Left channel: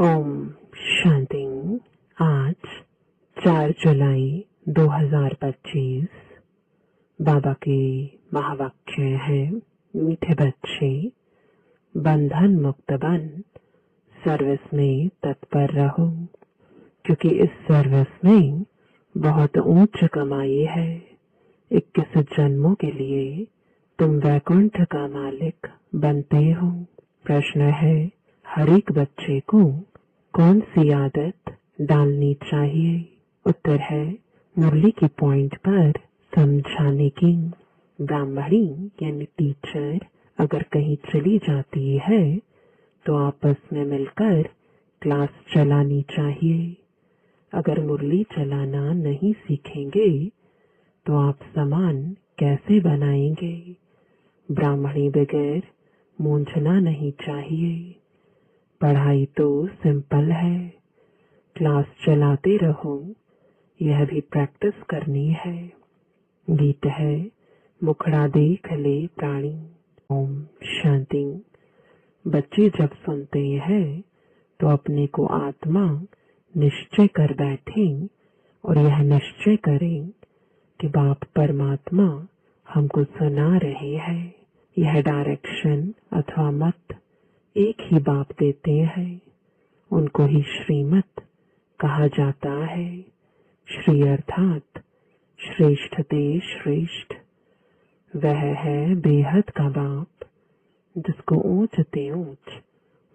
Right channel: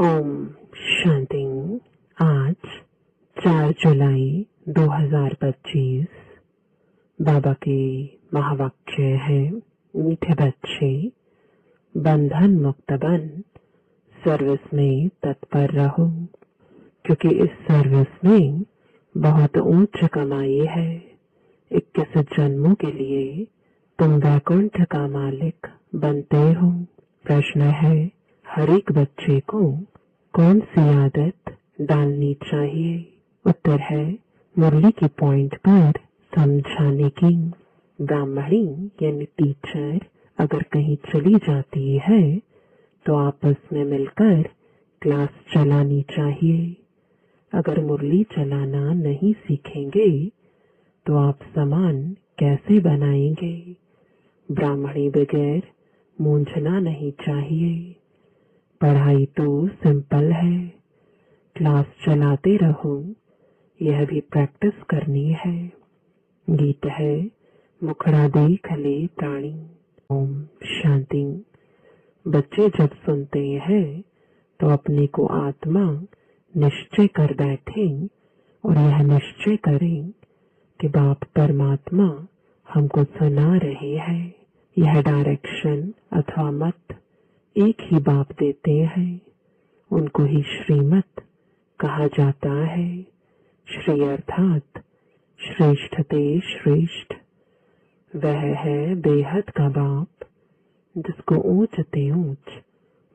ओम शांति। आज 4 जुलाई 2025 बाबा के महावाक्य है। मीठे बच्चे, बंधन मुक्त बन सर्विस में तत्पर रहो, क्योंकि इस सर्विस में बहुत ऊंच कमाई है। 21 जन्मों के लिए तुम वैकुंठ का मालिक बनते हो। प्रश्न है, हर एक बच्चे को कौन सी आदत डालनी चाहिए? उत्तर है, मुरली की पॉइंट पर समझाने की। ब्राह्मणी यानी टीचर अगर कहीं चली जाती है तो आपस में मिलकर क्लास चलानी चाहिए। अगर मुरली चलाना नहीं सीखेंगे तो आप सामान कैसे बनाएंगे? ब्राह्मणी बगैर मूंझना नहीं चाहिए। पढ़ाई तो सिंपल है, क्लास चलाते रहो, यह भी प्रैक्टिस करनी है। गीत है, मुखड़ा देख ले प्राणी। ओम शांति। बच्चे जब सुनते हैं तो अपने को आत्मा निश्चय कर बैठें और यह निश्चय करें कि बाप परमात्मा हमको सुना रहे हैं। यह डायरेक्शन अथवा मत एक ही बाप देते हैं। उनको ही श्रीमत कहा जाता है। श्री अर्थात श्रेष्ठ ते श्रेष्ठ। वह है बेहद का बाप, जिसको ऊंच ते ऊंच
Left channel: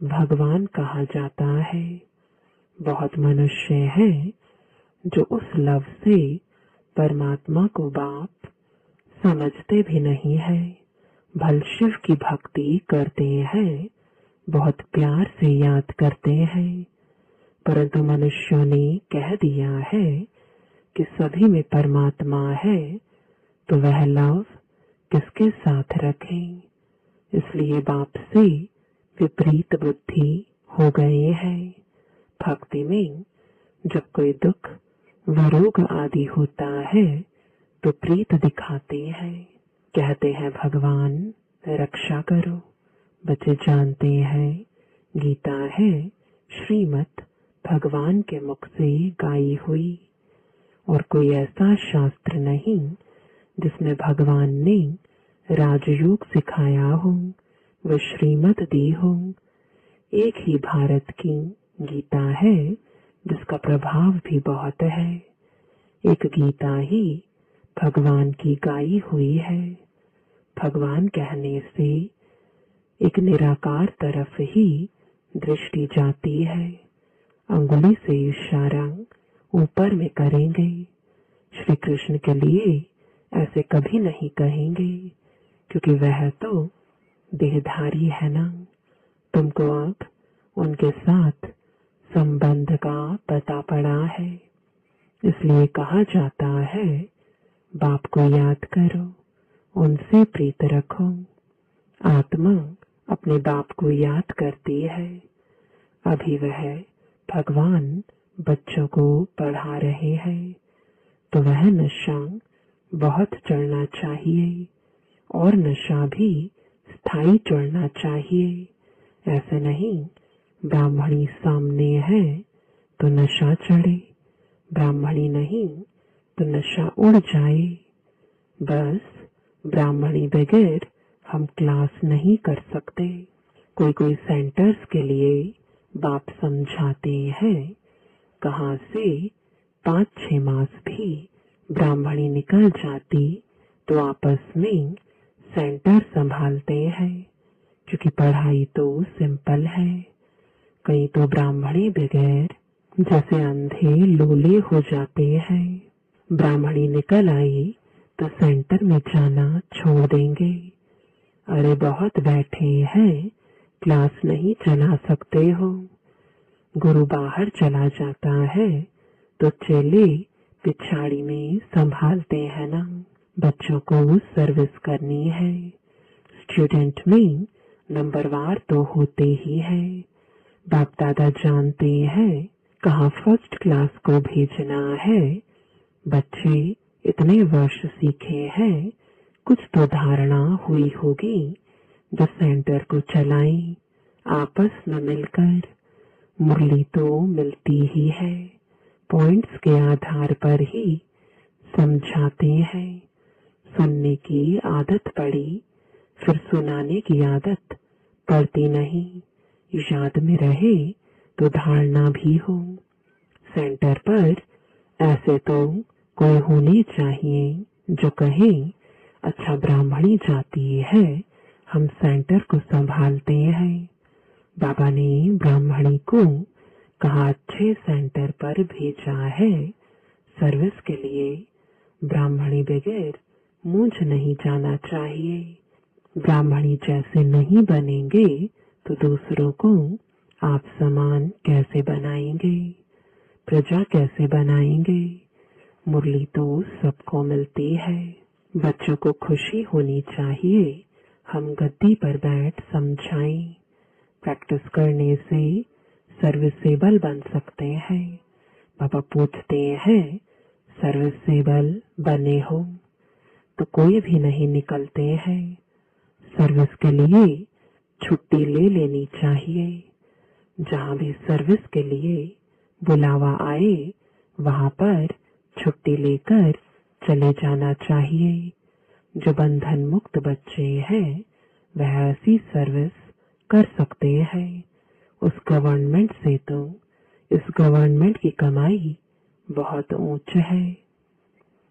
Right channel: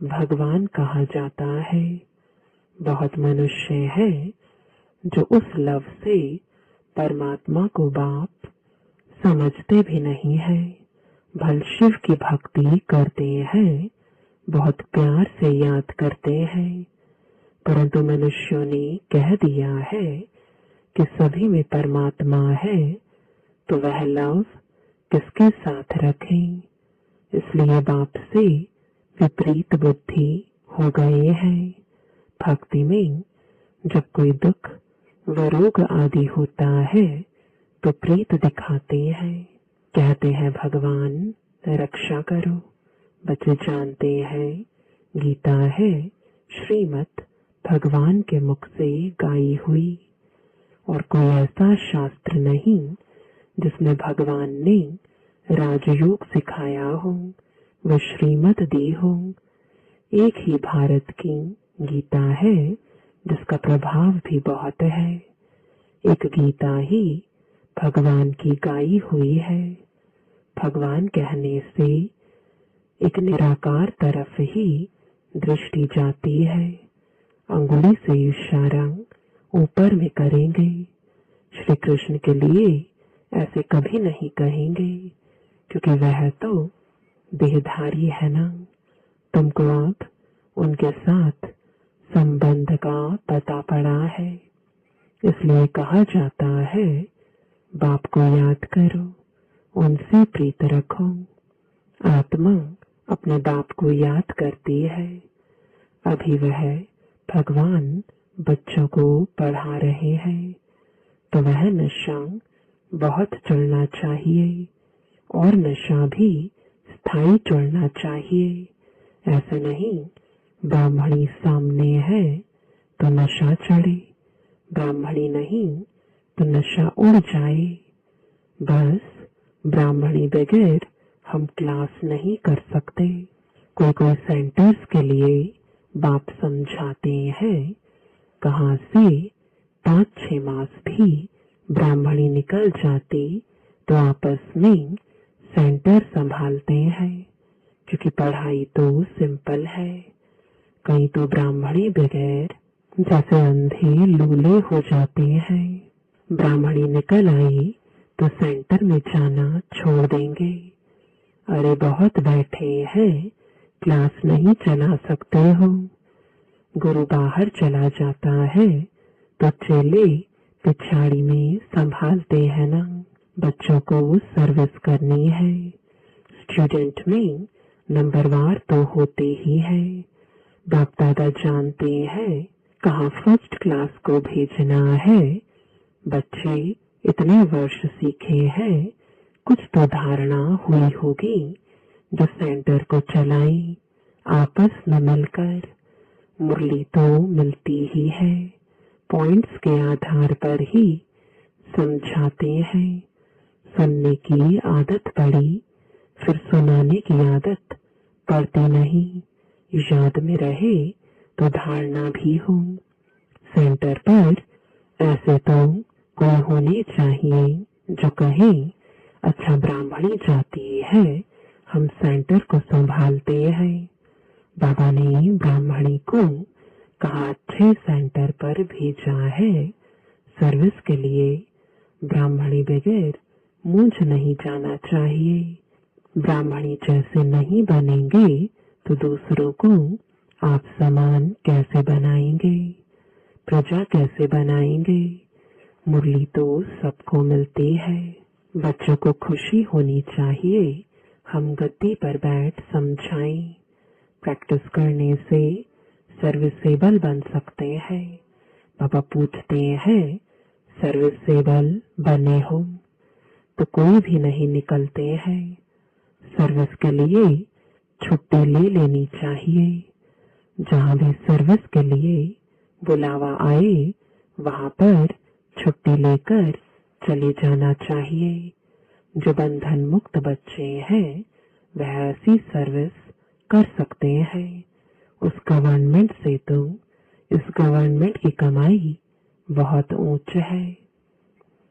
भगवान कहा जाता है। बहुत मनुष्य है जो उस लव से परमात्मा को बाप समझते भी नहीं है। भल शिव की भक्ति करते हैं, बहुत प्यार से याद करते हैं, परंतु मनुष्यों ने कह दिया है कि सभी में परमात्मा है, तो वह लव किसके साथ रखें? इसलिए बाप से विपरीत बुद्धि हो गई है। भक्ति में जब कोई दुख व रोग आदि होता है तो प्रीत दिखाते हैं, कहते हैं भगवान रक्षा करो। बच्चे जानते हैं गीता है श्रीमत भगवान के मुख से गाई हुई, और कोई ऐसा शास्त्र नहीं जिसमें भगवान ने राजयोग सिखाया हो, व श्रीमत दी हो। एक ही भारत की गीता है जिसका प्रभाव भी बहुत है। एक गीता ही भगवान की गाई हुई है। भगवान कहने से एक निराकार तरफ ही दृष्टि जाती है। अंगुली से इशारा ऊपर में करेंगे। श्री कृष्ण के लिए ऐसे कभी नहीं कहेंगे, क्योंकि वह तो देहधारी है ना। तुमको अब उनके साथ संबंध का पता पड़ा है, इसलिए कहा जाता है बाप को याद करो, उनसे प्रीत रखो। आत्मा अपने बाप को याद करती है। अभी वह भगवान बच्चों को पढ़ा रहे हैं, तो वह नशा बहुत चढ़ना चाहिए, और नशा भी स्थायी चढ़ना चाहिए। ऐसे नहीं ब्राह्मणी सामने है तो नशा चढ़े, ब्राह्मणी नहीं तो नशा उड़ जाए। बस ब्राह्मणी बगैर हम क्लास नहीं कर सकते। कोई कोई सेंटर्स के लिए बाप समझाते हैं, कहाँ से 5-6 मास भी ब्राह्मणी निकल जाती तो आपस में सेंटर संभालते हैं, क्योंकि पढ़ाई तो सिंपल है। कई तो ब्राह्मणी बगैर जैसे अंधे लूले हो जाते हैं। ब्राह्मणी निकल आई तो सेंटर में जाना छोड़ देंगे। अरे बहुत बैठे हैं, क्लास नहीं चला सकते हो। गुरु बाहर चला जाता है तो चेले पिछाड़ी में संभालते हैं ना। बच्चों को सर्विस करनी है। स्टूडेंट में नंबरवार तो होते ही है। बाप दादा जानते हैं कहाँ फर्स्ट क्लास को भेजना है। बच्चे इतने वर्ष सीखे हैं, कुछ तो धारणा हुई होगी जो सेंटर को चलाएं आपस में मिलकर। मुरली तो मिलती ही है, पॉइंट्स के आधार पर ही समझाते हैं। सुनने की आदत पड़ी, फिर सुनाने की आदत पड़ती नहीं। याद में रहे तो धारणा भी हो। सेंटर पर ऐसे तो कोई होने चाहिए जो कहे, अच्छा ब्राह्मणी जाती है, हम सेंटर को संभालते हैं। बाबा ने ब्राह्मणी को कहा अच्छे सेंटर पर भेजा है सर्विस के लिए। ब्राह्मणी बगैर मुझ नहीं जाना चाहिए। ब्राह्मणी जैसे नहीं बनेंगे तो दूसरों को आप समान कैसे बनाएंगे, प्रजा कैसे बनाएंगे। मुरली तो सबको मिलती है। बच्चों को खुशी होनी चाहिए, हम गद्दी पर बैठ समझाएं। प्रैक्टिस करने से सर्विसेबल बन सकते हैं। पापा पूछते हैं सर्विसेबल बने हो तो कोई भी नहीं निकलते हैं। सर्विस के लिए छुट्टी ले लेनी चाहिए। जहाँ भी सर्विस के लिए बुलावा आए वहाँ पर छुट्टी लेकर चले जाना चाहिए। जो बंधन मुक्त बच्चे हैं वह ऐसी सर्विस कर सकते हैं। उस गवर्नमेंट से तो इस गवर्नमेंट की कमाई बहुत ऊंच है।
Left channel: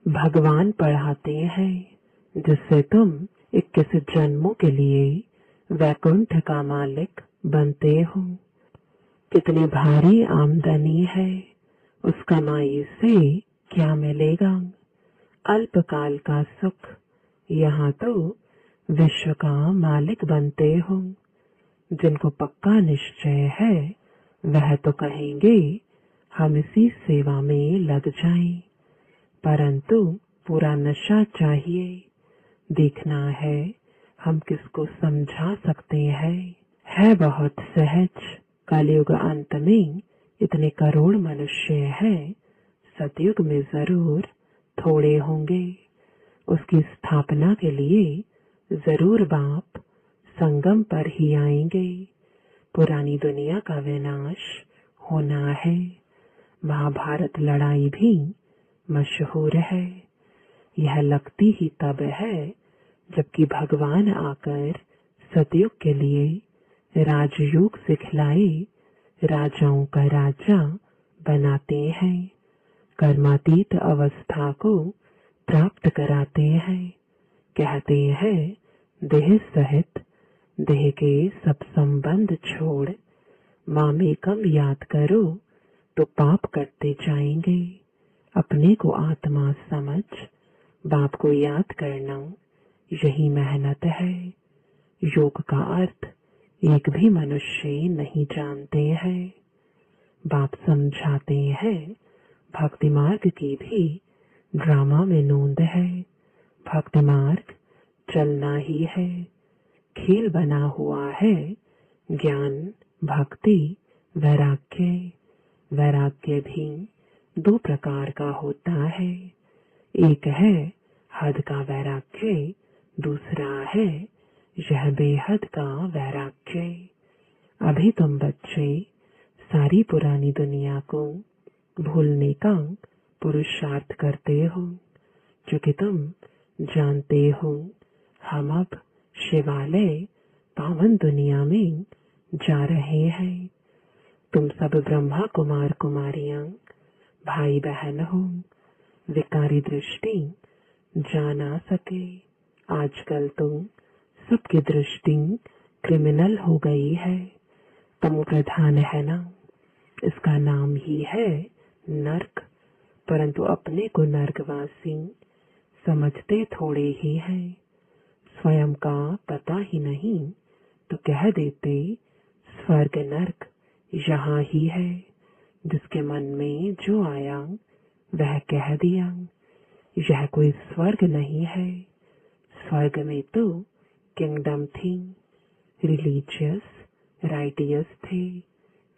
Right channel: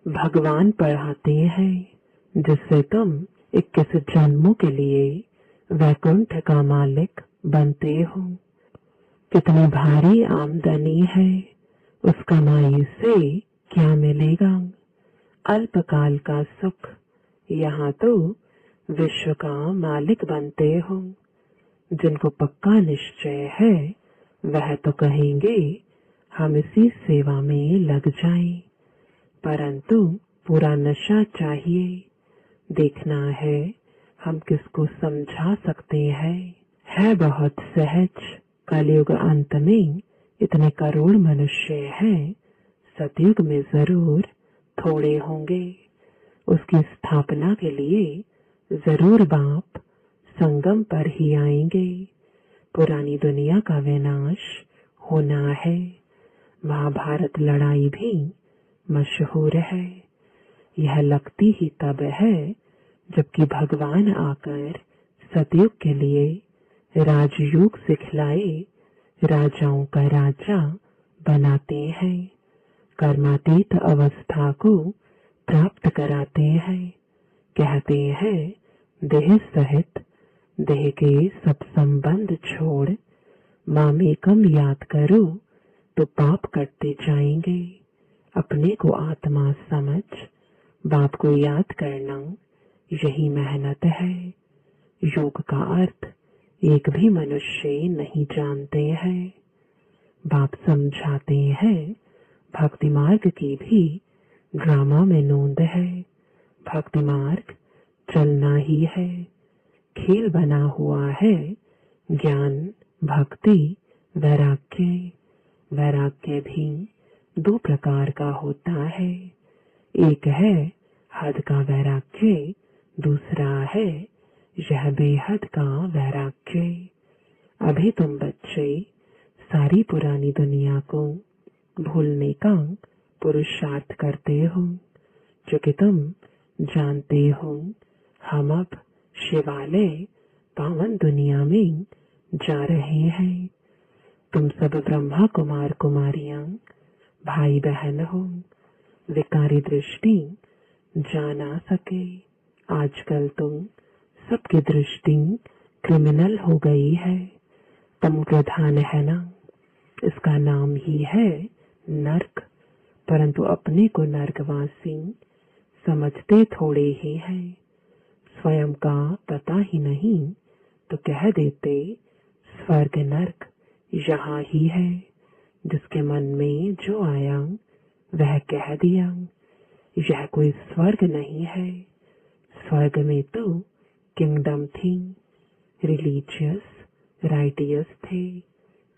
भगवान पढ़ाते हैं जिससे तुम 21 जन्मों के लिए वैकुंठ का मालिक बनते हो। कितनी भारी आमदनी है, उस कमाई से क्या मिलेगा? अल्पकाल का सुख। यहाँ तो विश्व का मालिक बनते हो। जिनको पक्का निश्चय है वह तो कहेंगे हम इसी सेवा में लग जाएं, परंतु पूरा नशा चाहिए। देखना है हम किसको समझा सकते हैं। है बहुत सहज। कलयुग अंत में इतने करोड़ मनुष्य हैं, सतयुग में जरूर थोड़े होंगे। उसकी स्थापना के लिए जरूर बाप संगम पर ही आएंगे। पुरानी दुनिया का विनाश होना है। महाभारत लड़ाई भी मशहूर है। यह लगती ही तब है जबकि भगवान आकर सतयुग के लिए राजयोग सिखलाए, राजाओं का राजा बनाते हैं, कर्मातीत अवस्था को प्राप्त कराते हैं। कहते हैं देह सहित देह के सब संबंध छोड़ मामेकम याद करो तो पाप करते जाएंगे। अपने को आत्मा समझ बाप को याद करना यही मेहनत है। योग का अर्थ एक भी मनुष्य नहीं जानते हैं। बाप समझाते हैं भक्ति मार्ग की भी ड्रामा में नोंद है। भक्ति मार्ग चलना ही है। खेल बना हुआ है ज्ञान, भक्ति, वैराग्य। वैराग्य भी 2 प्रकार का होता है। एक है हद का वैराग्य, दूसरा है यह बेहद का वैराग्य। अभी तुम बच्चे सारी पुरानी दुनिया को भूलने का पुरुषार्थ करते हो, जो कि तुम जानते हो हम अब शिवालय पावन दुनिया में जा रहे हैं। तुम सब ब्रह्मा कुमार कुमारियां भाई बहन हो। विकारी दृष्टि जा ना सके। आजकल तो सबकी दृष्टि क्रिमिनल हो गई है। तम प्रधान है ना, इसका नाम ही है नर्क। परंतु अपने को नर्कवासी समझते थोड़े ही हैं। स्वयं का पता ही नहीं तो कह देते स्वर्ग नर्क यहाँ ही है। जिसके मन में जो आया वह कह दिया। यह कोई स्वर्ग नहीं है। स्वर्ग में तो किंगडम थी, रिलीजियस, राइटियस थे,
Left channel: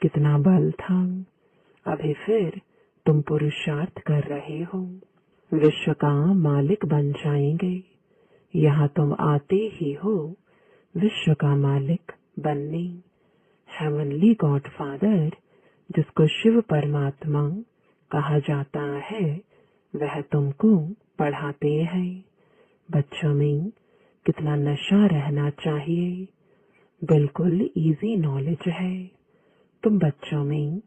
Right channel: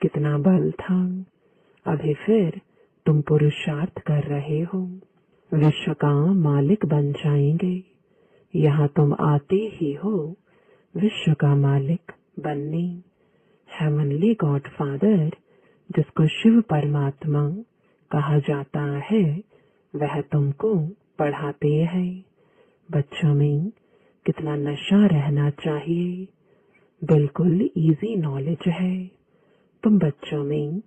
कितना बल था। अभी फिर तुम पुरुषार्थ कर रहे हो, विश्व का मालिक बन जाएंगे। यहाँ तुम आते ही हो विश्व का मालिक बनने। हेवनली गॉड फादर जिसको शिव परमात्मा कहा जाता है, वह तुमको पढ़ाते हैं। बच्चों में कितना नशा रहना चाहिए। बिल्कुल इजी नॉलेज है। तुम बच्चों में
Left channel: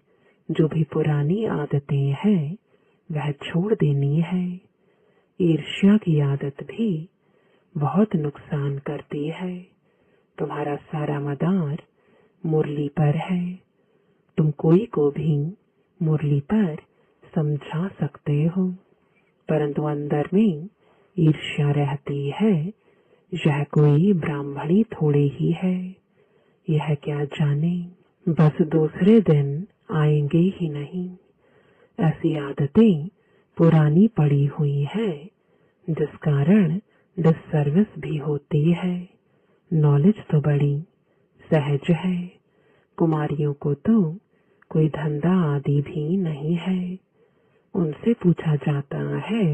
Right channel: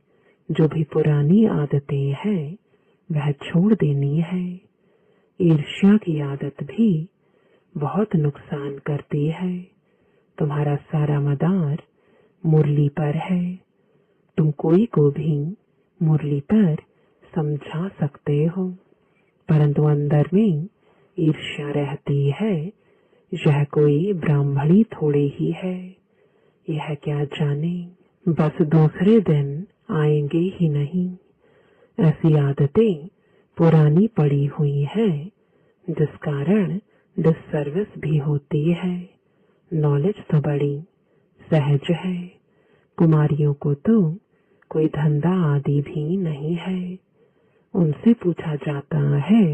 जो भी पुरानी आदतें हैं वह छोड़ देनी है। ईर्ष्या की आदत भी बहुत नुकसान करती है। तुम्हारा सारा मदार मुरली पर है। तुम कोई को भी मुरली पर समझा सकते हो, परंतु अंदर में ईर्ष्या रहती है। यह कोई ब्राह्मणी थोड़ी ही है, यह क्या जाने, बस दूसरे दिन आएंगे ही नहीं। ऐसी आदतें पुरानी पड़ी हुई है, जिस कारण डिससर्विस भी होती है। नॉलेज तो बड़ी सहज है। कुमारियों को तो कोई धंधा आदि भी नहीं है। उनसे पूछा जाता है,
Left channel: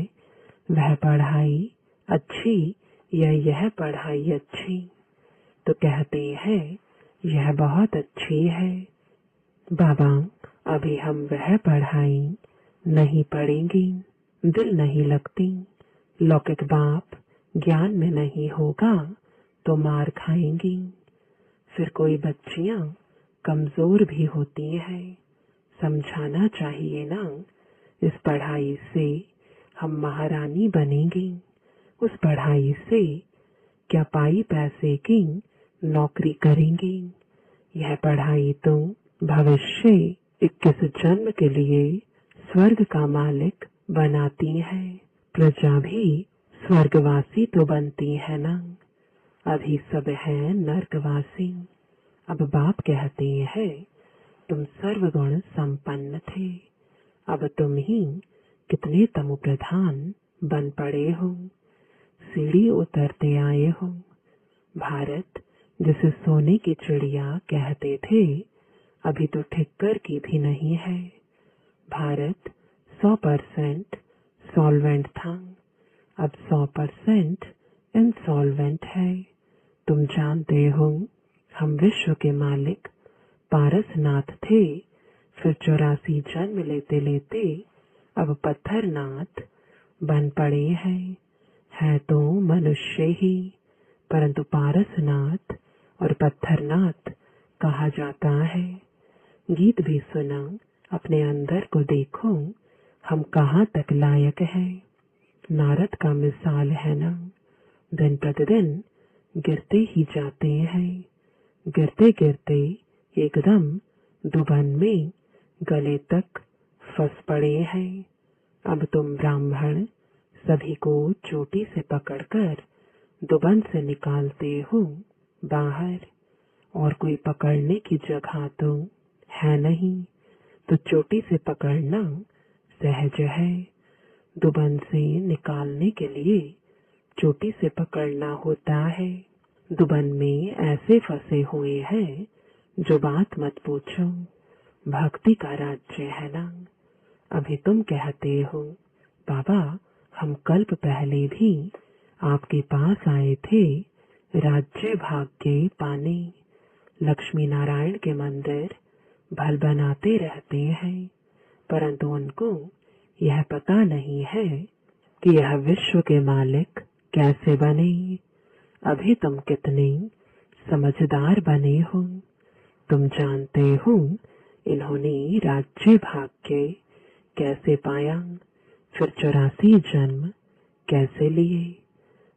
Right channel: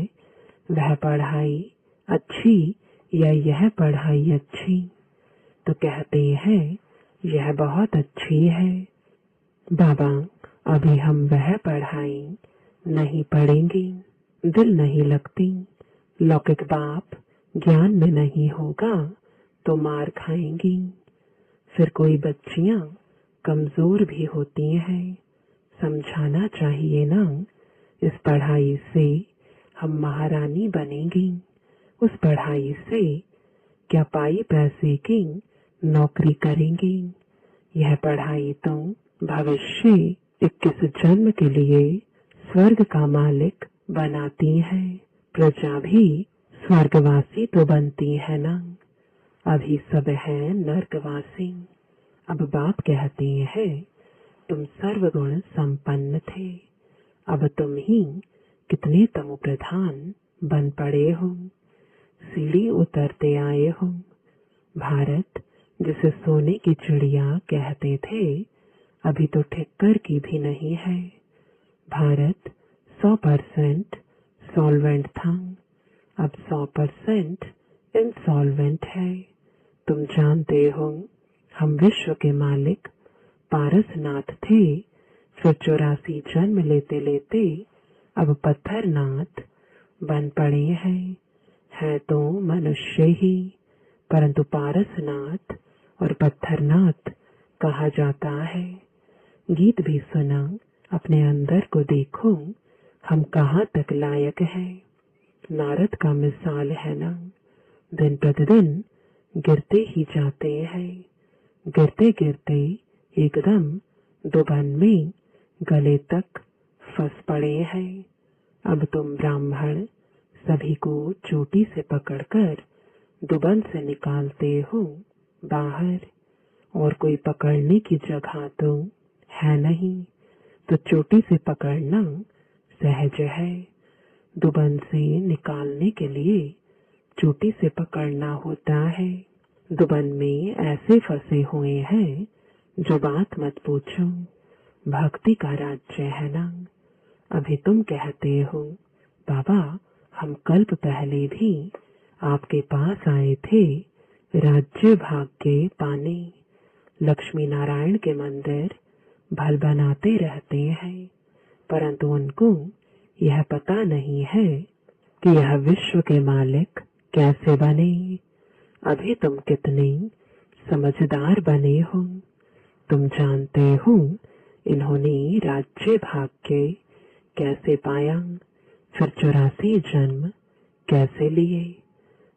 वह पढ़ाई अच्छी या यह पढ़ाई अच्छी, तो कहते हैं यह बहुत अच्छी है। बाबा, अभी हम वह पढ़ाई नहीं पढ़ेंगे, दिल नहीं लगती। लौकिक बाप ज्ञान में नहीं होगा तो मार खाएंगी। फिर कोई बच्चियां कमजोर भी होती हैं, समझाना चाहिए ना। इस पढ़ाई से हम महारानी बनेंगी। उस पढ़ाई से क्या पाई पैसे की नौकरी करेंगी। यह पढ़ाई तो भविष्य 21 जन्म के लिए स्वर्ग का मालिक बनाती है। प्रजा भी स्वर्गवासी तो बनती है ना। अभी सब है नर्कवासी। अब बाप कहते हैं, तुम सर्वगुण संपन्न थे, अब तुम ही कितने तमो प्रधान बन पड़े हो। सीढ़ी उतरते आए हो। भारत जिसे सोने की चिड़िया कहते थे, अभी तो ठिक्कर की भी नहीं है। भारत 100% सॉल्वेंट था, अब 100% इंसॉल्वेंट है। तुम जानते हो, हम विश्व के मालिक पारसनाथ थे, फिर 84 जन्म लेते लेते अब पत्थरनाथ बन पड़े हैं। है तो मनुष्य ही, परंतु पारसनाथ और पत्थरनाथ कहा जाता है। गीत भी सुना, अपने अंदर को देखो, हम कहाँ तक लायक हैं। नारद का मिसाल है ना, दिन प्रतिदिन गिरते ही जाते हैं। गिरते गिरते एकदम दुबन में गले तक फंस पड़े हैं। अब तुम ब्राह्मण सभी को चोटी से पकड़कर दुबन से निकालते हो बाहर, और कोई पकड़ने की जगह तो है नहीं, तो चोटी से पकड़ना सहज है। दुबन से निकालने के लिए चोटी से पकड़ना होता है। दुबन में ऐसे फंसे हुए हैं जो बात मत पूछो। भक्ति का राज्य है ना। अभी तुम कहते हो, बाबा हम कल्प पहले भी आपके पास आए थे राज्य भाग्य पाने। लक्ष्मी नारायण के मंदिर भल बनाते रहते हैं, परंतु उनको यह पता नहीं है कि यह विश्व के मालिक कैसे बने। अभी तुम कितने समझदार बने हो। तुम जानते हो इन्होंने राज्य भाग्य कैसे पाया, फिर 84 जन्म कैसे लिए।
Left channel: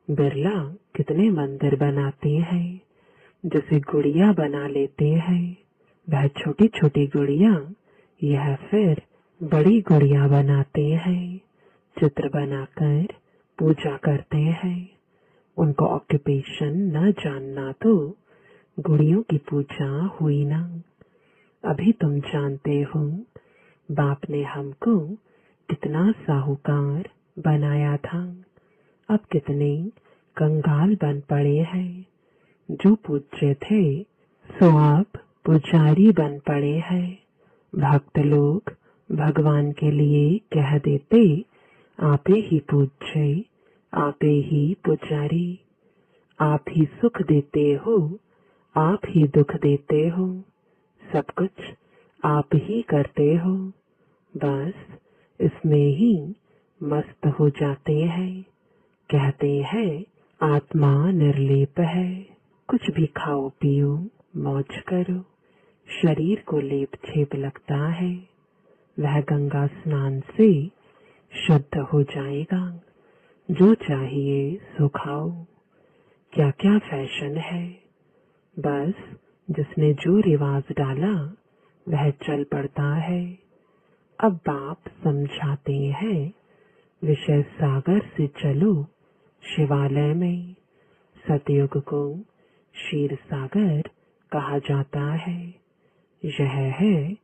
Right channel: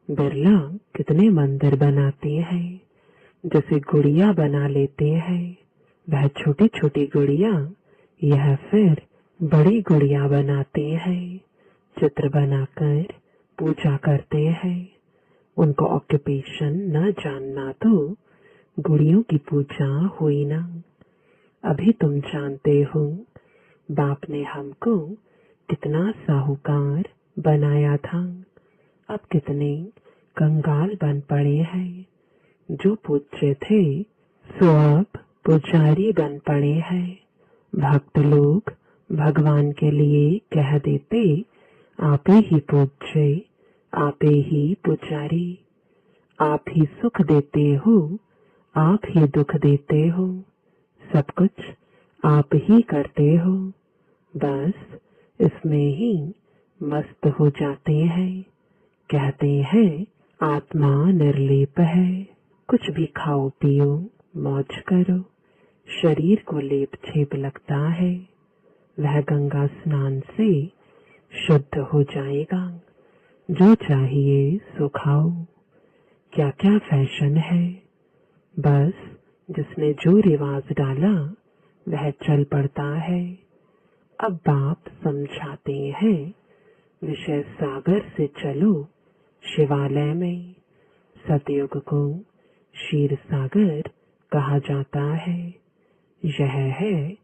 बिरला कितने मंदिर बनाते हैं, जैसे गुड़िया बना लेते हैं। वह छोटी छोटी गुड़िया, यह फिर बड़ी गुड़िया बनाते हैं। चित्र बनाकर पूजा करते हैं। उनको ऑक्यूपेशन न जानना तो गुड़ियों की पूजा हुई ना। अभी तुम जानते हो, बाप ने हमको कितना साहूकार बनाया था। अब कितने कंगाल बन पड़े हैं। जो पूज्य थे सो अब पुजारी बन पड़े हैं। भक्त लोग भगवान के लिए कह देते, आप ही पूज्य, आप ही पुजारी। आप ही सुख देते हो, आप ही दुख देते हो। सब कुछ आप ही करते हो, बस इसमें ही मस्त हो जाते हैं। कहते हैं आत्मा निर्लेप है। कुछ भी खाओ पियो, मौज करो, शरीर को लेप छेप लगता है, वह गंगा स्नान से शुद्ध हो जाएगा। जो चाहिए सो खाओ। क्या क्या फैशन है, बस जिसने जो रिवाज डाला वह चल पड़ता है। अब बाप समझाते हैं, विषय सागर से चलो शिवालय में। सतयुग को क्षीर सागर कहा जाता है। यह है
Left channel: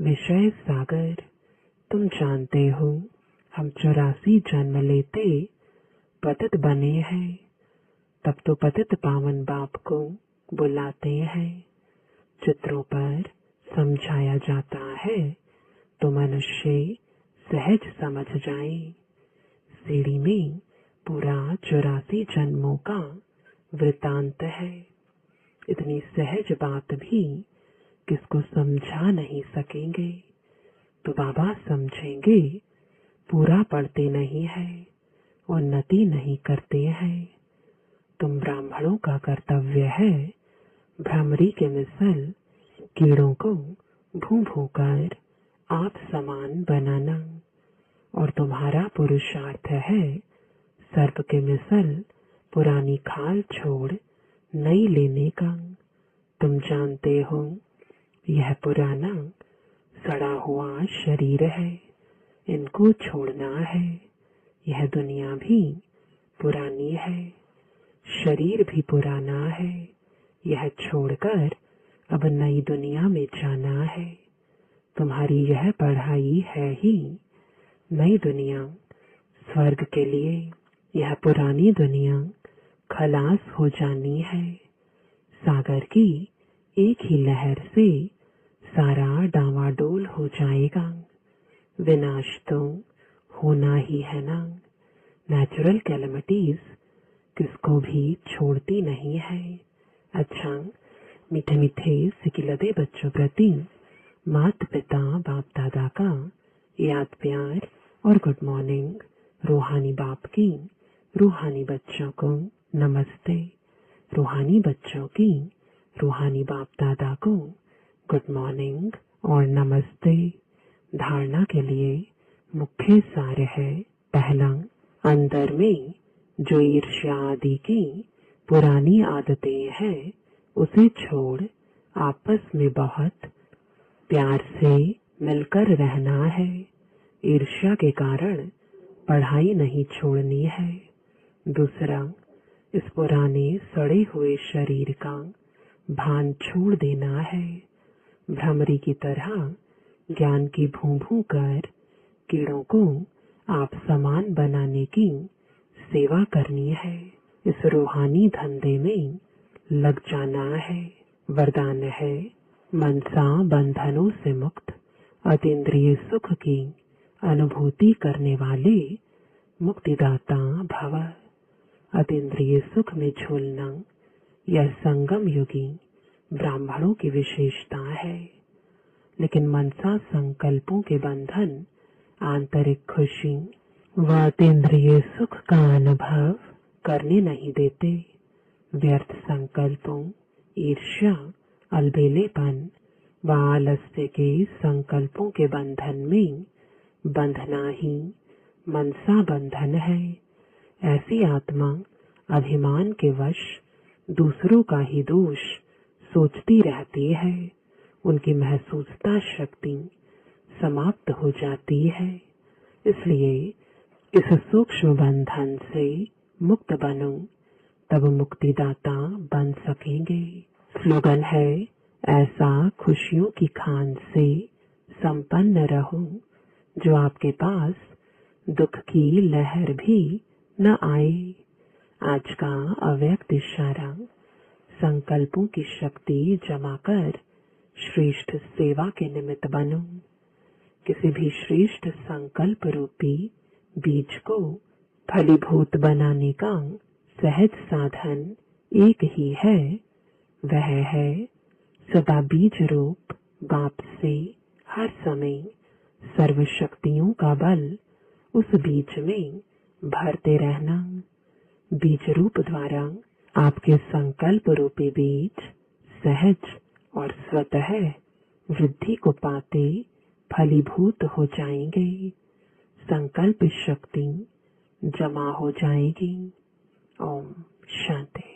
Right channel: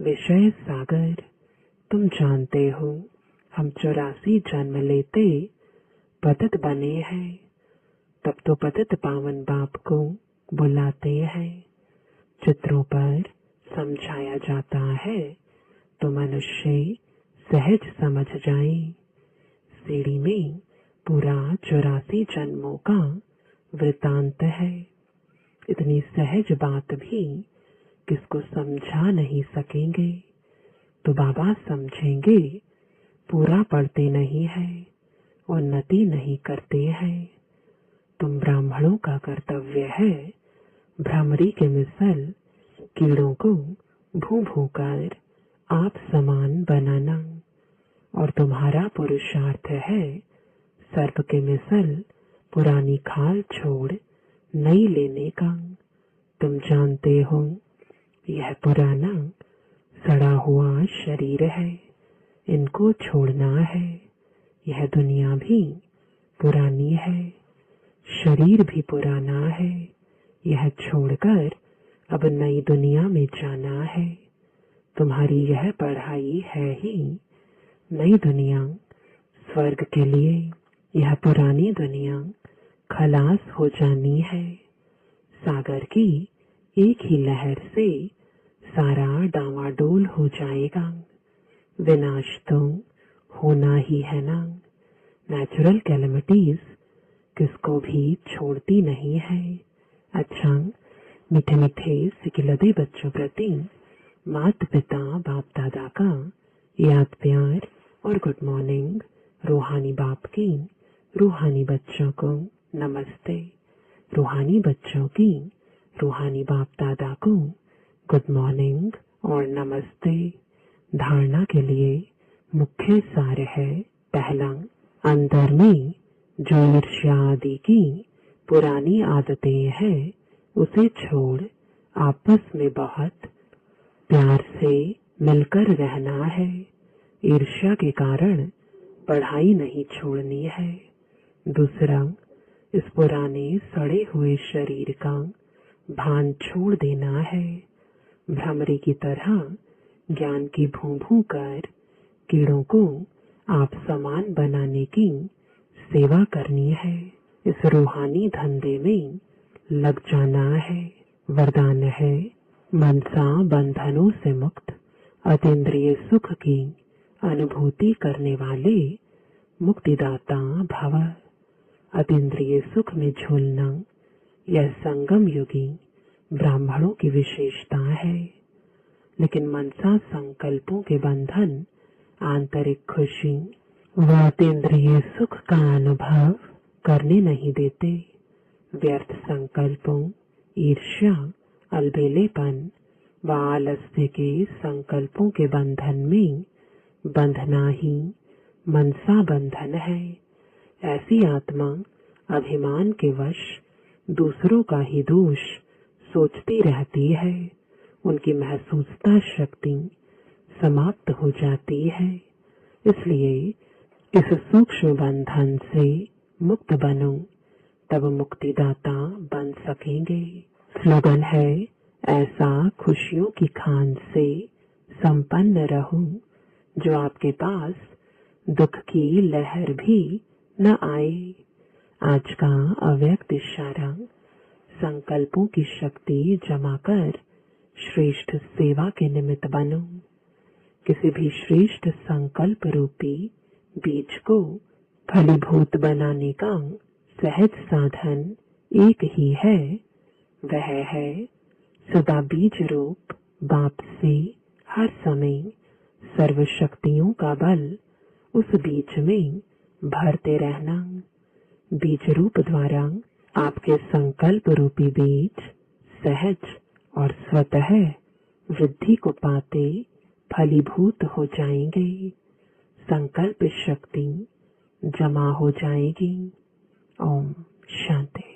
विषय सागर। तुम जानते हो हम 84 जन्म लेते पतित बने हैं, तब तो पतित पावन बाप को बुलाते हैं। चित्रों पर समझाया जाता है तो मनुष्य सहज समझ जाए। सीढ़ी में पूरा 84 जन्मों का वृतांत है। इतनी सहज बात भी किसको समझा नहीं सकेंगे, तो बाबा समझेंगे पूरा पढ़ते नहीं है, उन्नति नहीं करते हैं। तुम ब्राह्मणों का कर्तव्य है भ्रमरी के मिसल कीड़ों को भू भू कर आप समान बनाना, और तुम्हारा पुरुषार्थ है सर्प के मिसल पुरानी खाल छोड़ नई लेने का। तुम जानते हो यह पुराना सड़ा हुआ शरीर है, इनको छोड़ना है। यह दुनिया भी पुरानी है, शरीर भी पुराना है। यह छोड़कर अब नई दुनिया में जाना है। तुम्हारी यह पढ़ाई है ही नई दुनिया स्वर्ग के लिए। यह पुरानी दुनिया खलास हो जानी है। सागर की एक ही लहर से सारा डावाडोल हो जाएगा। विनाश तो होना ही है ना। नेचुरल कैलेमिटीज किसको भी छोड़ती नहीं है। अच्छा, मीठे मीठे सिकिलदे बच्चों प्रति माता पिता बाप दादा का याद प्यार और गुड मॉर्निंग। रूहानी बाप की रूहानी बच्चों को नमस्ते। रूहानी बच्चों की रूहानी बाप दादा को गुड मॉर्निंग और नमस्ते। धारणा के लिए मुख्य सार है, पहला, अंदर में जो ईर्ष्या आदि की पुरानी आदतें हैं उसे छोड़ आपस में बहुत प्यार से मिलकर रहना है। ईर्ष्या के कारण पढ़ाई नहीं छोड़नी है। दूसरा, इस पुराने सड़े हुए शरीर का भान छोड़ देना है। भ्रमरी की तरह ज्ञान की भूं भूं कर कीड़ों को आप समान बनाने की सेवा करनी है। इस रूहानी धंधे में लग जाना है। वरदान है, मनसा बंधनों से मुक्त अतीन्द्रिय सुख की अनुभूति करने वाले मुक्तिदाता भव। अतीन्द्रिय सुख में झूलना यह संगम युगी ब्राह्मणों की विशेषता है। लेकिन मनसा संकल्पों के बंधन आंतरिक खुशी व अतीन्द्रिय सुख का अनुभव करने नहीं देते। व्यर्थ संकल्पों, ईर्ष्या, अलबेलेपन व आलस्य के संकल्पों के बंधन में बंधना ही मनसा बंधन है। ऐसी आत्मा अभिमान के वश दूसरों का ही दोष सोचती रहती है। उनकी महसूसता शक्ति समाप्त हो जाती है। इसलिए इस सूक्ष्म बंधन से मुक्त बनो, तब मुक्तिदाता बन सकेंगे। स्लोगन है, ऐसा खुशियों की खान से संपन्न रहो जो आपके पास दुख की लहर भी न आए। आज का अव्यक्त इशारा, संकल्पों की शक्ति जमा कर श्रेष्ठ सेवा के निमित्त बनो। किसी भी श्रेष्ठ संकल्प रूपी बीज को फलीभूत बनाने का सहज साधन एक ही है, वह है सदा बीज रूप बाप से हर समय सर्व शक्तियों का बल उस बीज में भरते रहना। बीज रूप द्वारा आपके संकल्प रूपी बीज सहज और स्वतः वृद्धि को पाते फलीभूत हो जाएंगे। संकल्प शक्ति जमा हो जाएगी। ओम शांति।